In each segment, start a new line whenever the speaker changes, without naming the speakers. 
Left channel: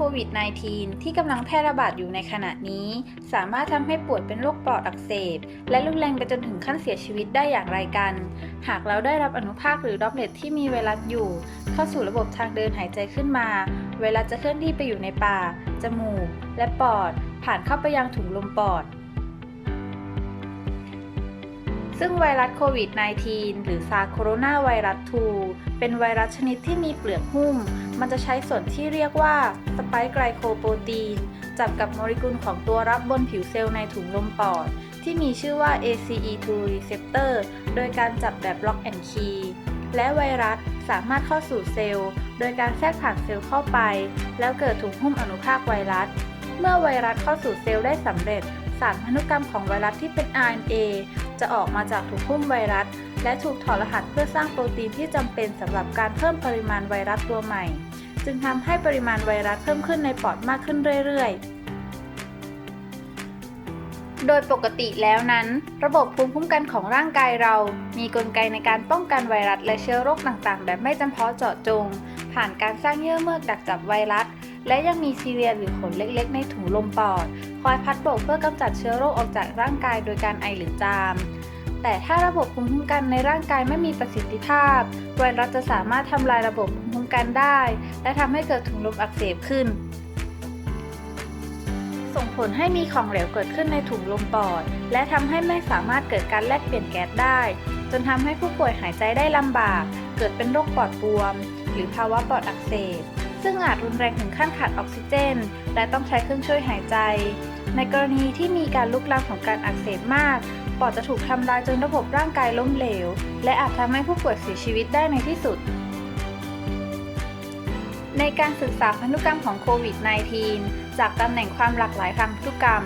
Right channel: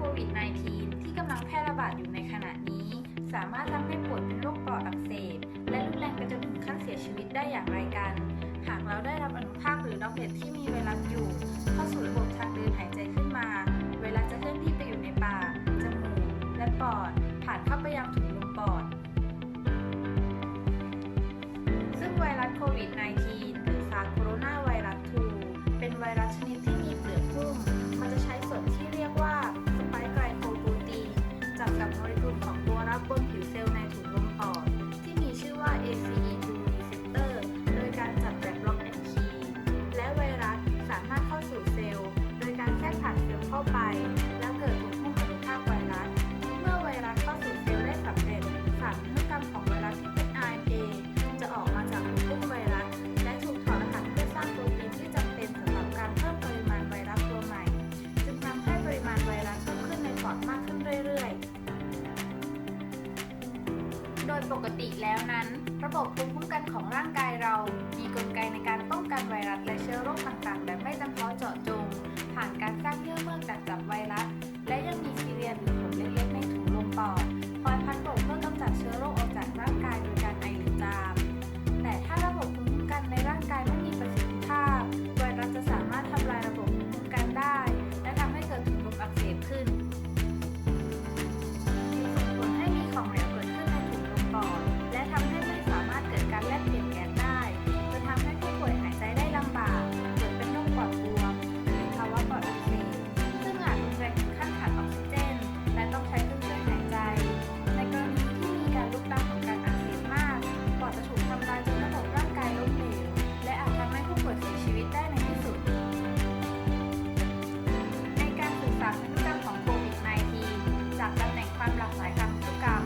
โควิด -19 ที่กำลังแพร่ระบาดอยู่ในขณะนี้ สามารถทำให้ปวดเป็นโรคปอดอักเสบ และรุนแรงไปจนถึงขั้นเสียชีวิตได้อย่างไรกัน หากเราได้รับอนุภาคหรือด็อกเลตที่มีไวรัสอยู่ เข้าสู่ระบบทางเดินหายใจขึ้นมา เวลาจะเคลื่อนที่ไปอยู่ในปาก จมูก และปอด ผ่านเข้าไปยังถุงลมปอด ซึ่งไวรัสโควิด -19 หรือซาโคโรนาไวรัส 2 เป็นไวรัสชนิดที่มีเปลือกหุ้ม มันจะใช้ส่วนที่เรียกว่าสไปค์ไกลโคโปรตีน จับกับโมเลกุลของตัวรับบนผิวเซลล์ในถุงลมปอด ที่มีชื่อว่า ACE2 receptor โดยการจับแบบ lock and key และไวรัสสามารถเข้าสู่เซลล์ โดยการแทรกผ่านเซลล์เข้าไป แล้วเกิดถุงหุ้มอนุภาคไวรัส เมื่อไวรัสเข้าสู่เซลล์ได้สำเร็จสารพันธุกรรมของไวรัสที่เป็น RNA จะออกมาจากถุงหุ้มไวรัส และถูกถอดรหัสเพื่อสร้างโปรตีนที่จำเป็นสำหรับการเพิ่มปริมาณไวรัสตัวใหม่ จึงทำให้ปริมาณไวรัสเพิ่มขึ้นในปอดมากขึ้นเรื่อยๆโดยปกติแล้วนั้น ระบบภูมิคุ้มกันของร่างกายเรา มีกลไกในการป้องกันไวรัสและเชื้อโรคต่างๆ แบบไม่จำเพาะเจาะจง ผ่านการสร้างเยื่อเมือกดักจับไวรัส และยังมีซีเรียหรือขนเล็กๆ ในถุงลมปอด คอยพัดโบกเพื่อกำจัดเชื้อโรคออกจากร่างกายโดยการไอหรือจาม แต่ถ้าระบบภูมิคุ้มกันในร่างกายไม่มีประสิทธิภาพ ไวรัสจะสามารถทำลายระบบภูมิคุ้มกันได้ และทำให้เกิดถุงลมอักเสบขึ้น ส่งผลให้มีของเหลวเกิดขึ้นในถุงลมปอด และทำให้ไม่สามารถเกิดการแลกเปลี่ยนแก๊สได้ จนทำให้ผู้ป่วยหายใจได้ลำบาก เกิดเป็นโรคปอดบวม หรือภาวะปอดอักเสบ ซึ่งอาจรุนแรงถึงขั้นขาดออกซิเจน และต้องใช้เครื่องช่วยหายใจ ในกรณีที่มีการลุกลามของการอักเสบมาก ปอดจะถูกทำลายจนระบบร่างกายล้มเหลว และอาจทำให้ผู้ป่วยเสียชีวิตได้ในที่สุด ในการศึกษาพันธุกรรมของโควิด -19 จากตำแหน่งความหลากหลายทางพันธุกรรม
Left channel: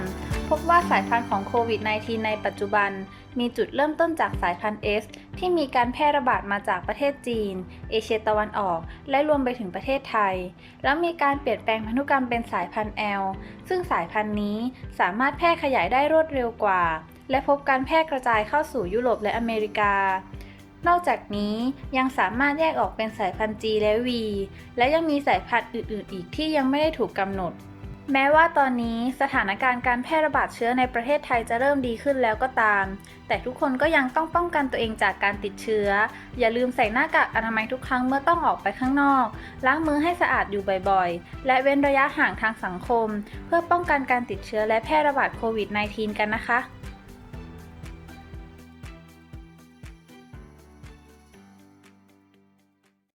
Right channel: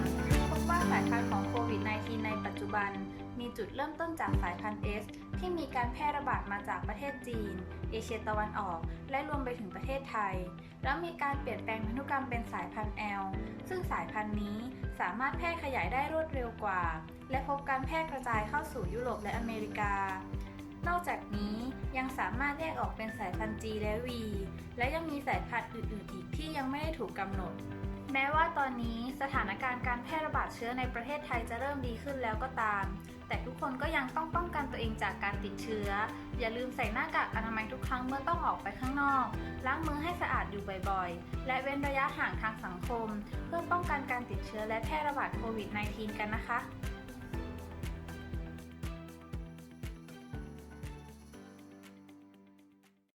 พบว่าสายพันธุ์ของโควิด -19 ในปัจจุบัน มีจุดเริ่มต้นจากสายพันธุ์ S ที่มีการแพร่ระบาดมาจากประเทศจีน เอเชียตะวันออก และรวมไปถึงประเทศไทย แล้วมีการเปลี่ยนแปลงพันธุกรรมเป็นสายพันธุ์ L ซึ่งสายพันธุ์นี้สามารถแพร่ขยายได้รวดเร็วกว่า และพบการแพร่กระจายเข้าสู่ยุโรปและอเมริกา นอกจากนี้ยังสามารถแยกออกเป็นสายพันธุ์ G และ V และยังมีสายพันธุ์อื่น ๆ อีกที่ยังไม่ได้ถูกกำหนด แม้ว่าตอนนี้สถานการณ์การแพร่ระบาดเชื้อในประเทศไทยจะเริ่มดีขึ้นแล้วก็ตาม แต่ทุกคนก็ยังต้องป้องกันตัวเองจากการติดเชื้อ อย่าลืมใส่หน้ากากอนามัยทุกครั้งเมื่อต้องออกไปข้างนอก ล้างมือให้สะอาดอยู่บ่อย ๆ และเว้นระยะห่างทางสังคม เพื่อป้องกันการติดเชื้อและแพร่ระบาดโควิด -19 กันนะคะ